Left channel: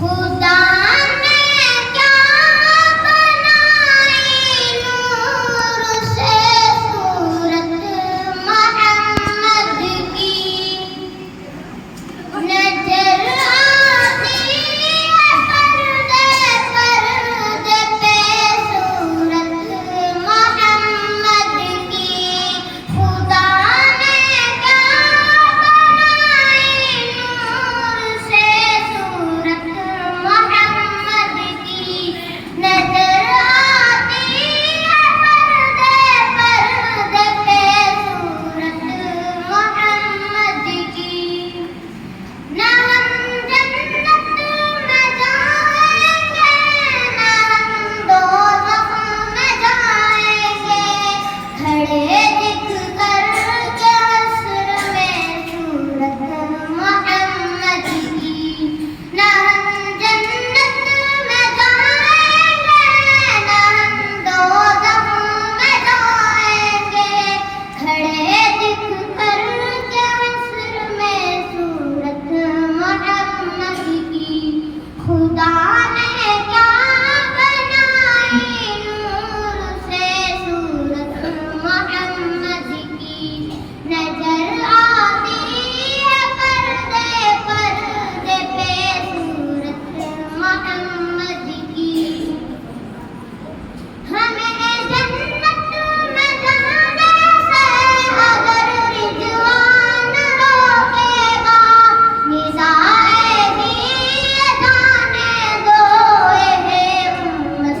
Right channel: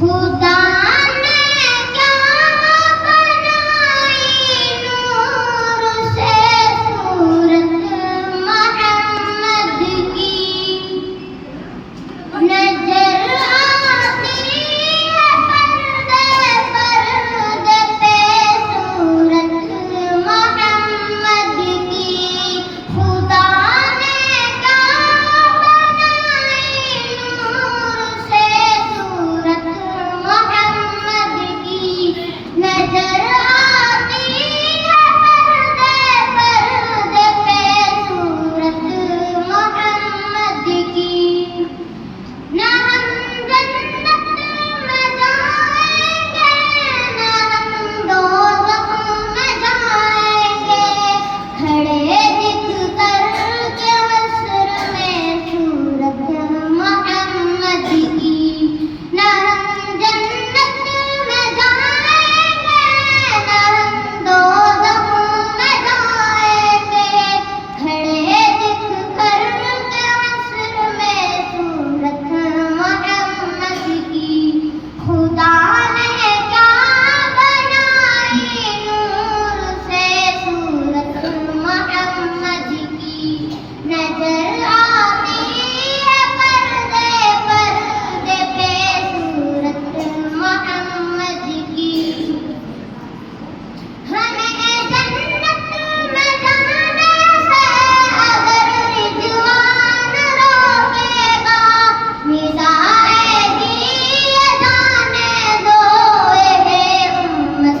خدا نے کیا بنائی نور سے صورت محمد کی، نظر آتی ہے پردے پردے پہ صورت محمد کی، خدا نے کیا بنائی نور سے صورت محمد کی، نظر آتی ہے پردے پردے پہ صورت محمد کی، نہ ہم جنت میں جائیں گے نہ ہم دوزخ میں جائیں گے، کھڑے دکھ کر کے حشر میں صورت محمد کی، نہ ہم جنت میں جائیں گے نہ ہم دوزخ میں جائیں گے، کھڑے دکھ کر کے حشر میں صورت محمد کی، خدا نے کیا بنائی نور سے صورت محمد کی، نظر آتی ہے پردے پردے پہ صورت محمد کی، ہمیں جنت میں جانے سے اگر رضوان روکے گا، ندائے گی یہ جانے دو اے امت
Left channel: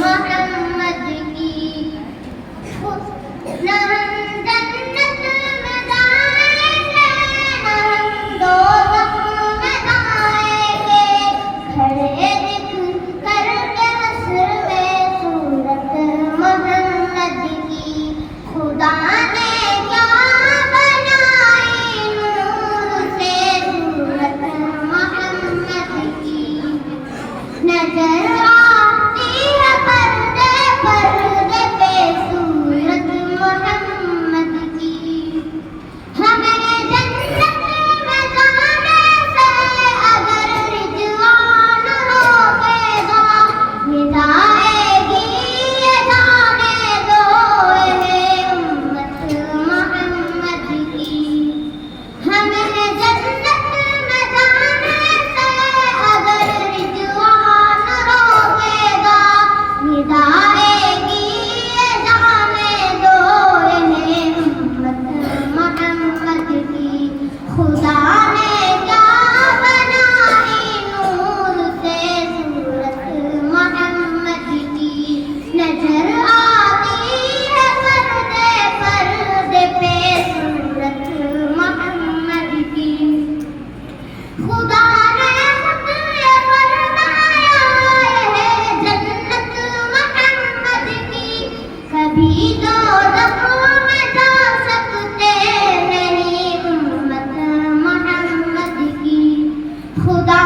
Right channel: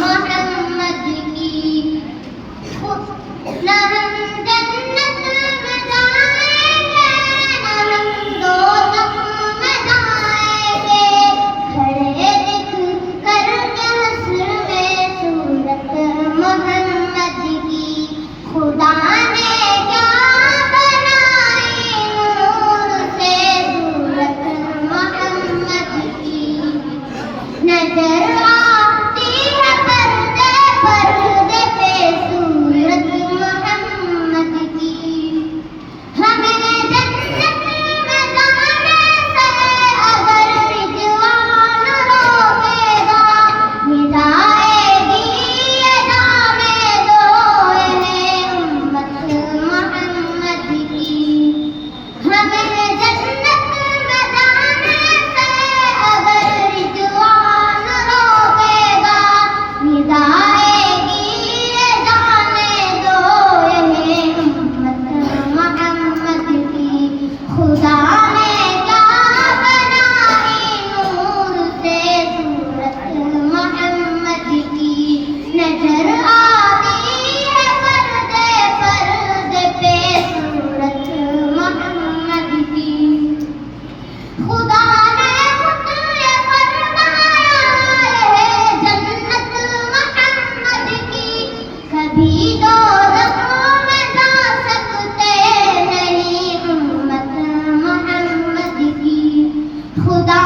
محمد کی، نہ ہم جنت میں جائیں گے نہ ہم دوزخ میں جائیں گے، کھڑے دکھ کر کے حشر میں صورت محمد کی، خدا نے کیا بنائی نور سے صورت محمد کی، نظر آتی ہے پردے پردے پہ صورت محمد کی، ہمیں جنت میں جانے سے اگر رضوان روکے گا، ندائے گی یہ جانے دو اے امت محمد کی، ہمیں جنت میں جانے سے اگر رضوان روکے گا، ندائے گی یہ جانے دو اے امت محمد کی، خدا نے کیا بنائی نور سے صورت محمد کی، نظر آتی ہے پردے پردے پہ صورت محمد کی، خدا نے خود یہ فرمایا ہے جنت محمد کی، کبھی دوزخ میں جا سکتے نہیں امت محمد کی، خدا